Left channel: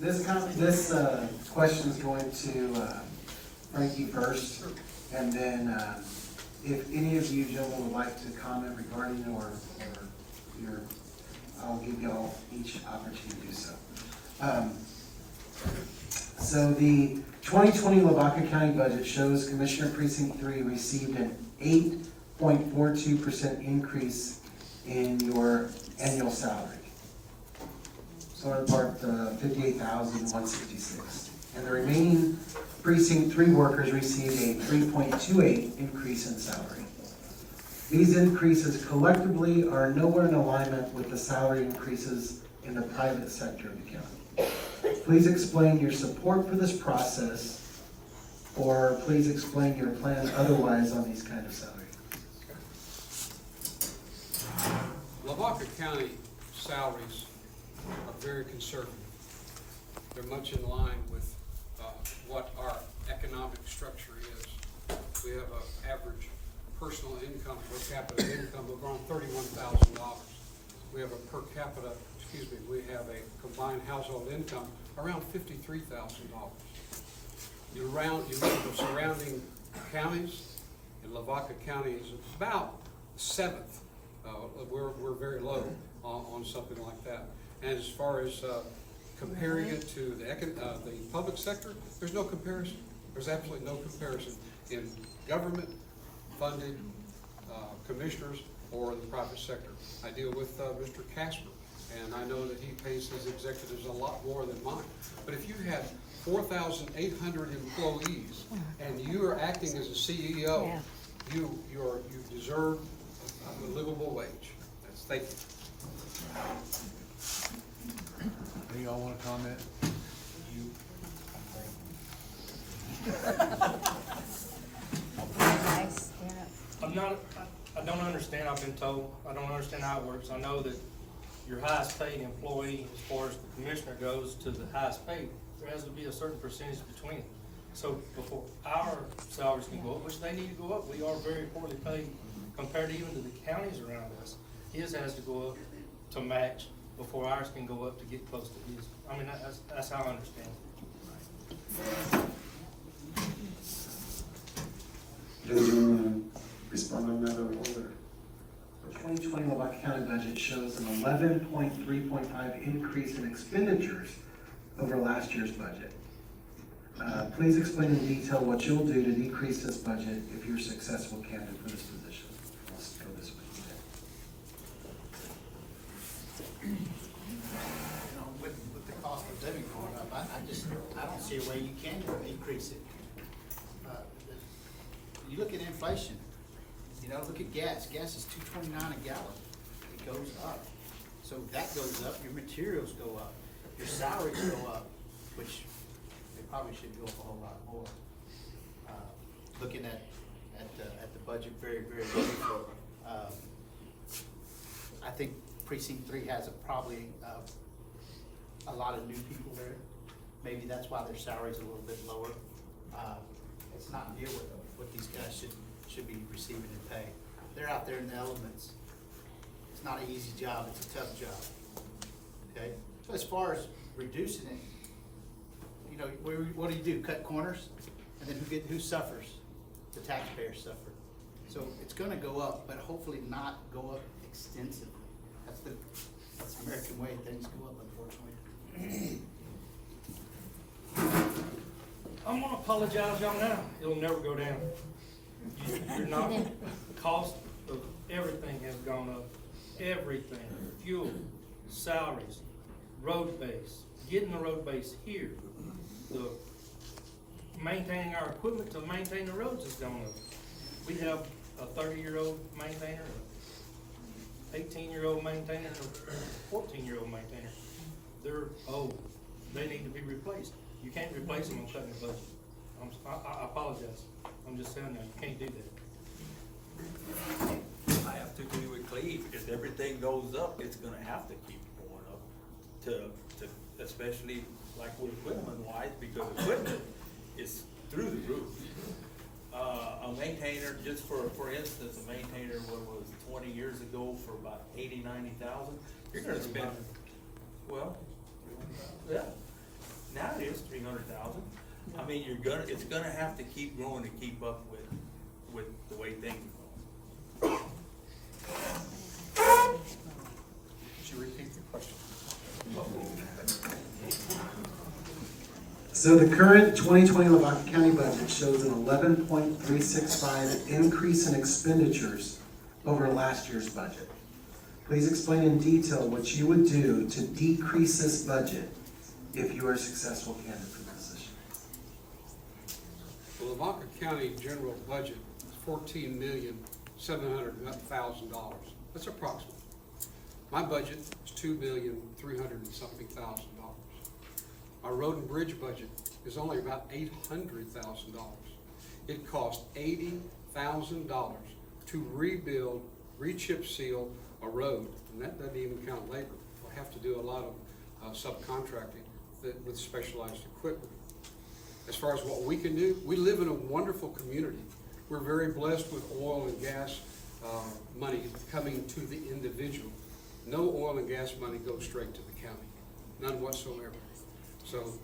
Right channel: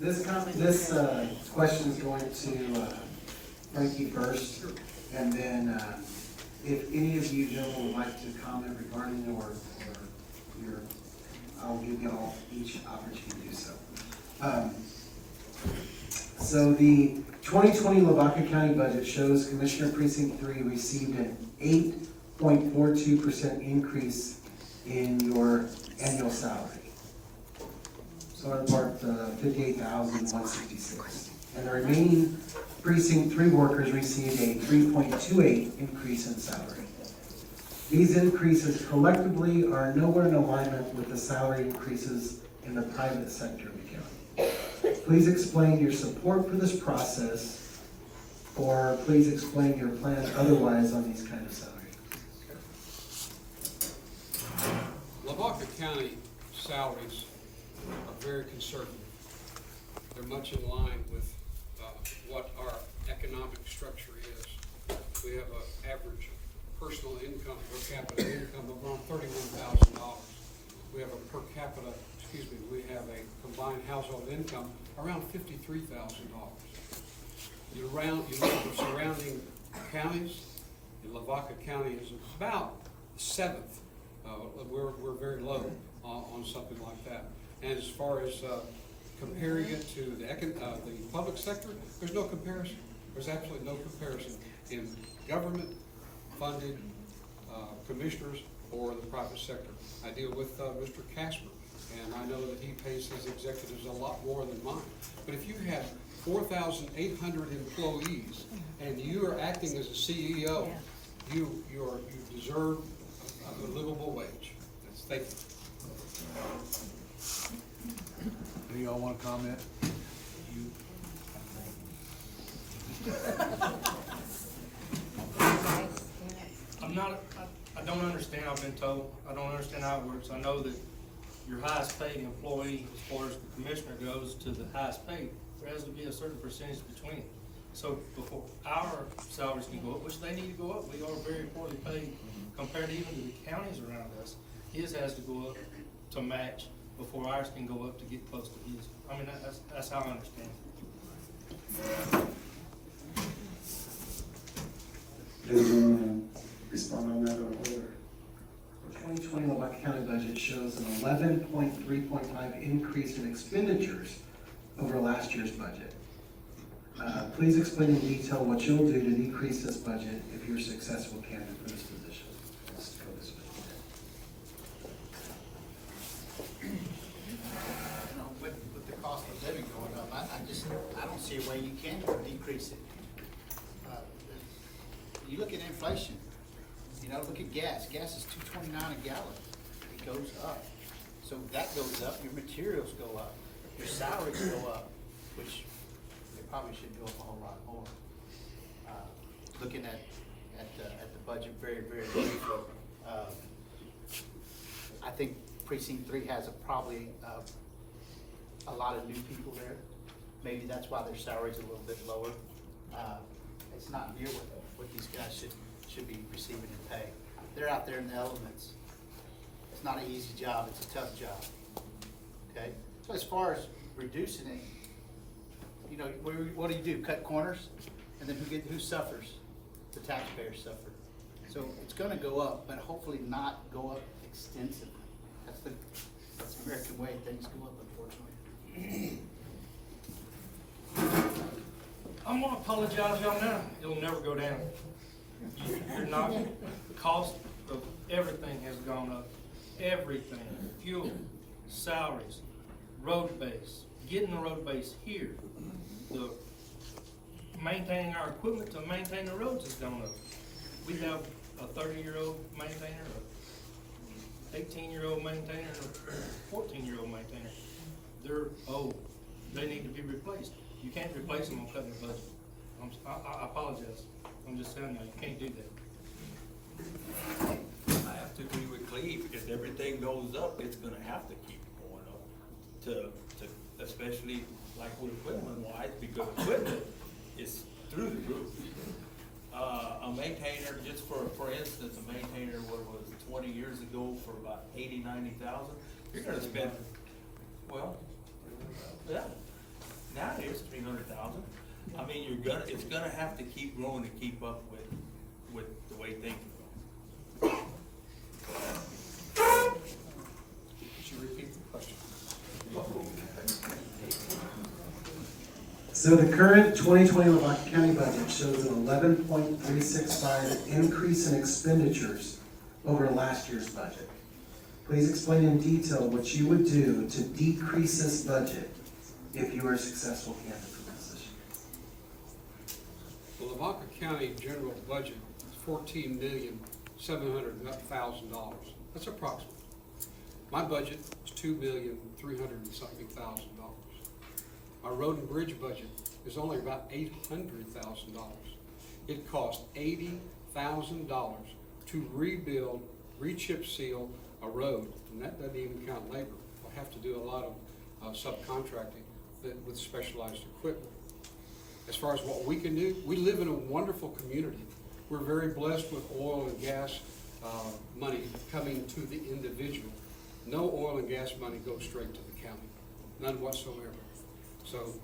This question is going to Frankie first, and then if any of you gentlemen would like to comment regarding or your, I'll give you all each opportunity to do so. So the 2020 Lavaca County budget shows Commissioner Precinct 3 received an 8.42% increase in your annual salary. So in part, 58,166. And the remaining Precinct 3 workers received a 3.28 increase in salary. These increases collectively are nowhere in alignment with the salary increases in the private sector of the county. Please explain your support for this process, or please explain your plan otherwise on these kind of salaries. Lavaca County salaries are very conservative. They're much in line with what our economic structure is. We have an average personal income, per capita income of around $31,000. We have a we have a combined household income around $53,000. You look at the surrounding counties, and Lavaca County is about 7th. We're very low on something like that. And as far as comparing it to the public sector, there's no comparison. There's absolutely no comparison in government-funded commissioners or the private sector. I deal with Mr. Casper, and I know that he pays his executives a lot more than mine. But if you had 4,800 employees and you are acting as a CEO, you deserve a livable wage. Thank you. Do y'all want to comment? I don't understand. I've been told. I don't understand how it works. I know that your highest paid employee, as far as the commissioner goes, to the highest paid, there has to be a certain percentage between it. So before our salaries can go up, which they need to go up, we are very poorly paid compared even to the counties around us. His has to go up to match before ours can go up to get close to his. I mean, that's how I understand it. Does you want to respond on that or older? The 2020 Lavaca County budget shows an 11.3.5 increase in expenditures over last year's budget. Please explain in detail what you'll do to decrease this budget if you're a successful candidate for this position. With the cost of living going up, I don't see a way you can decrease it. You look at inflation, look at gas. Gas is $2.29 a gallon. It goes up. So that goes up, your materials go up, your salaries go up, which they probably should go up a whole lot more. Looking at the budget very, very briefly, I think Precinct 3 has probably a lot of new people there. Maybe that's why their salary's a little bit lower. It's not near what these guys should be receiving in pay. They're out there in the elements. It's not an easy job, it's a tough job. Okay? So as far as reducing it, what do? Cut corners? And then who suffers? The taxpayers suffer. So it's gonna go up, but hopefully not go up extensively. That's the American way, things go up, unfortunately. I'm gonna apologize y'all now. It'll never go down. You're not. The cost of everything has gone up. Everything. Fuel, salaries, road base, getting the road base here, the maintaining our equipment to maintain the roads has gone up. We have a 30-year-old maintainer, an 18-year-old maintainer, and a 14-year-old maintainer. They're old. They need to be replaced. You can't replace them on cutting the budget. I apologize. I'm just telling you, you can't do that. I have to agree with Cleve, because everything goes up, it's gonna have to keep going up. To especially like with equipment wise, because equipment is through the roof. A maintainer, just for instance, a maintainer, what was 20 years ago for about 80, 90,000, you're gonna spend, well, yeah. Now it is 300,000. I mean, it's gonna have to keep growing to keep up with the way things are going. Could you repeat the question? So the current 2020 Lavaca County budget shows an 11.365 increase in expenditures over last year's budget. Please explain in detail what you would do to decrease this budget if you are a successful candidate for this position. The Lavaca County general budget is $14,700,000. That's approximate. My budget is $2,300,000 and something thousand. My road and bridge budget is only about $800,000. It cost $80,000 to rebuild, re-chip seal a road, and that doesn't even count labor. We'll have to do a lot of subcontracting with specialized equipment. As far as what we can do, we live in a wonderful community. We're very blessed with oil and gas money coming to the individual. No oil and gas money goes straight to the county, none whatsoever. So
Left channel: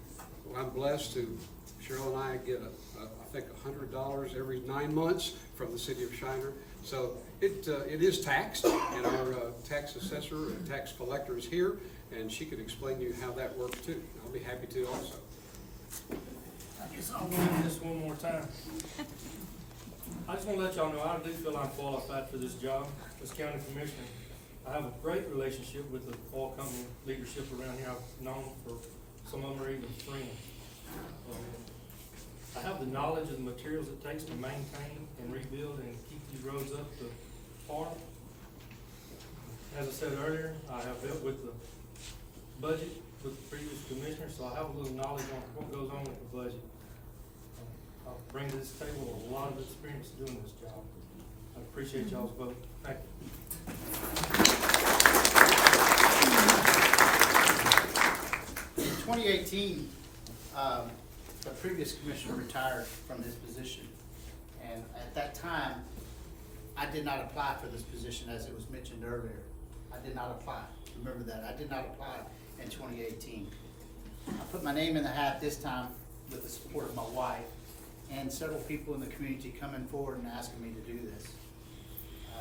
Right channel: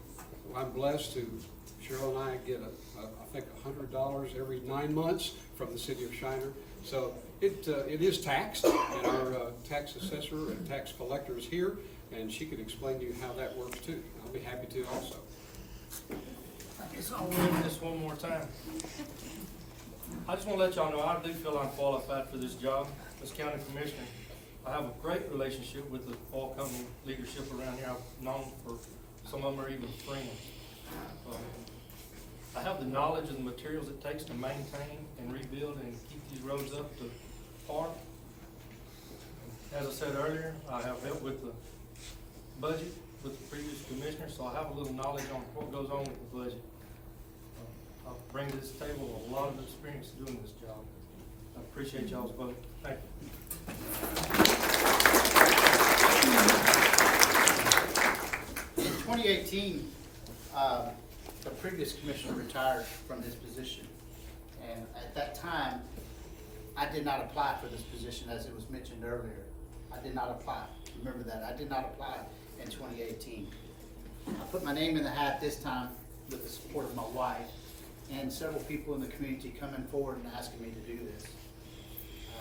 I'm blessed to, Cheryl and I get I think $100 every 9 months from the city of Shiner. So it is taxed, and our tax assessor and tax collector is here, and she can explain to you how that works too. I'll be happy to also. I guess I'll read this one more time. I just want to let y'all know, I do feel I'm qualified for this job as county commissioner. I have a great relationship with the oil company leadership around here. I've known for, some of them are even friends. I have the knowledge and the materials it takes to maintain and rebuild and keep these roads up to par. As I said earlier, I have helped with the budget with the previous commissioner, so I have a little knowledge on what goes on with the budget. I bring to this table a lot of experience doing this job. I appreciate y'all's vote. Thank you. In 2018, the previous commissioner retired from this position. And at that time, I did not apply for this position, as it was mentioned earlier. I did not apply. Remember that. I did not apply in 2018. I put my name in the hat this time with the support of my wife and several people in the community coming forward and asking me to do this.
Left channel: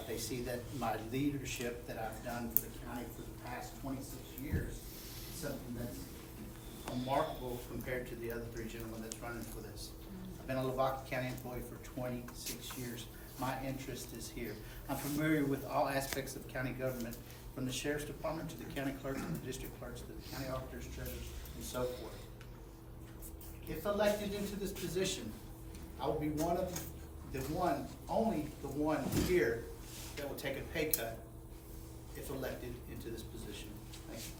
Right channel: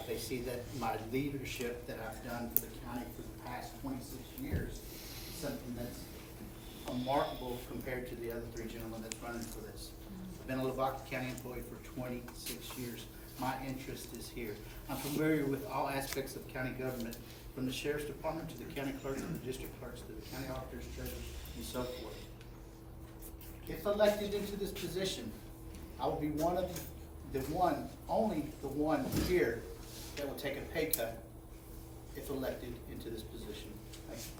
They see that my leadership that I've done for the county for the past 26 years is something that's remarkable compared to the other three gentlemen that's running for this. I've been a Lavaca County employee for 26 years. My interest is here. I'm familiar with all aspects of county government, from the sheriff's department to the county clerk to the district clerks to the county auditor's treasurer and so forth. If elected into this position, I will be one of only the one here that will take a pay cut if elected into this position. Thank you.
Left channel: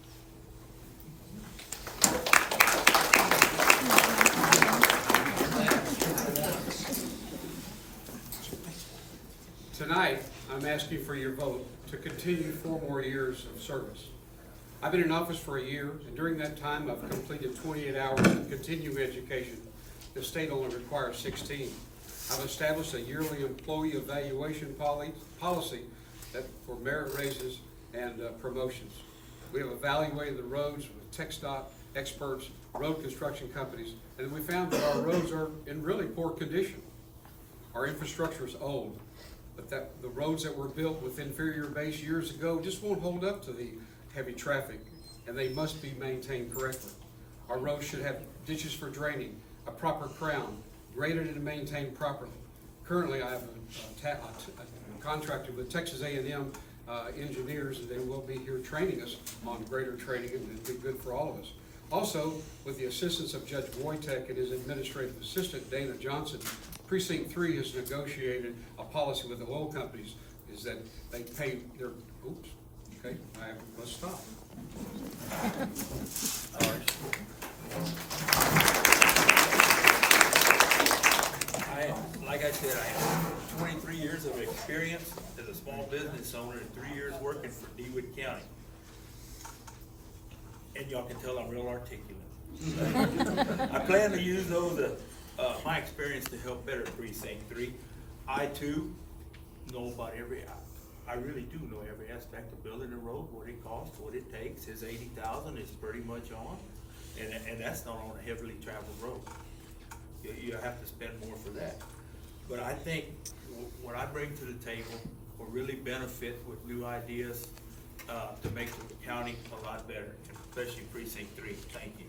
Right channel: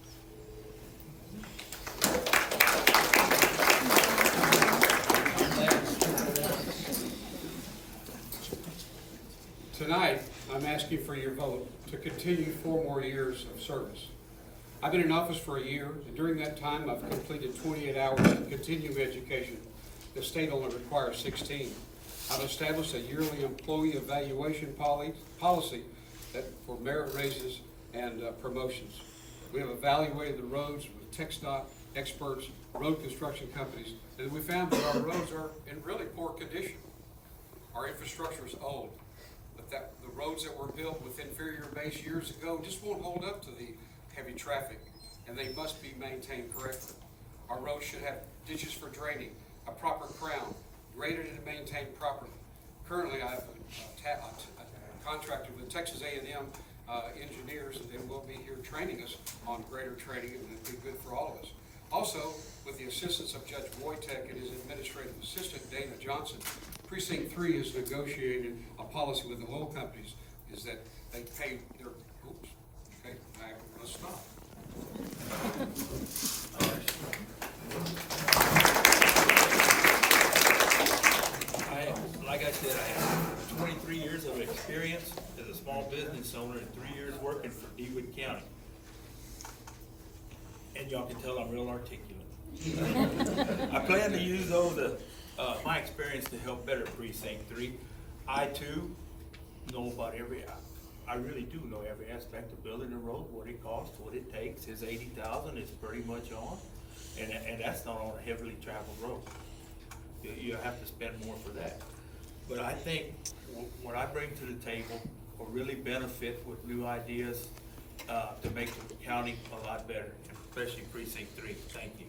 Tonight, I'm asking for your vote to continue 4 more years of service. I've been in office for a year, and during that time, I've completed 28 hours of continuing education. The state only requires 16. I've established a yearly employee evaluation policy for merit raises and promotions. We have evaluated the roads with TxDOT experts, road construction companies, and we found that our roads are in really poor condition. Our infrastructure is old, but the roads that were built with inferior base years ago just won't hold up to the heavy traffic, and they must be maintained correctly. Our roads should have ditches for draining, a proper crown, graded and maintained properly. Currently, I have contracted with Texas A&M engineers, and they will be here training us on grader training, and it'll be good for all of us. Also, with the assistance of Judge Wojtek and his administrative assistant, Dana Johnson, Precinct 3 has negotiated a policy with the oil companies, is that they pay their, let's stop. Like I said, I have 23 years of experience as a small business owner and 3 years working for DeWitt County. And y'all can tell I'm real articulate. I plan to use my experience to help better Precinct 3. I too know about I really do know every aspect of building a road, what it costs, what it takes. His 80,000 is pretty much on. and that's not on a heavily traveled road. You have to spend more for that. But I think what I bring to the table will really benefit with new ideas, to make the county a lot better, especially precinct 3. Thank you.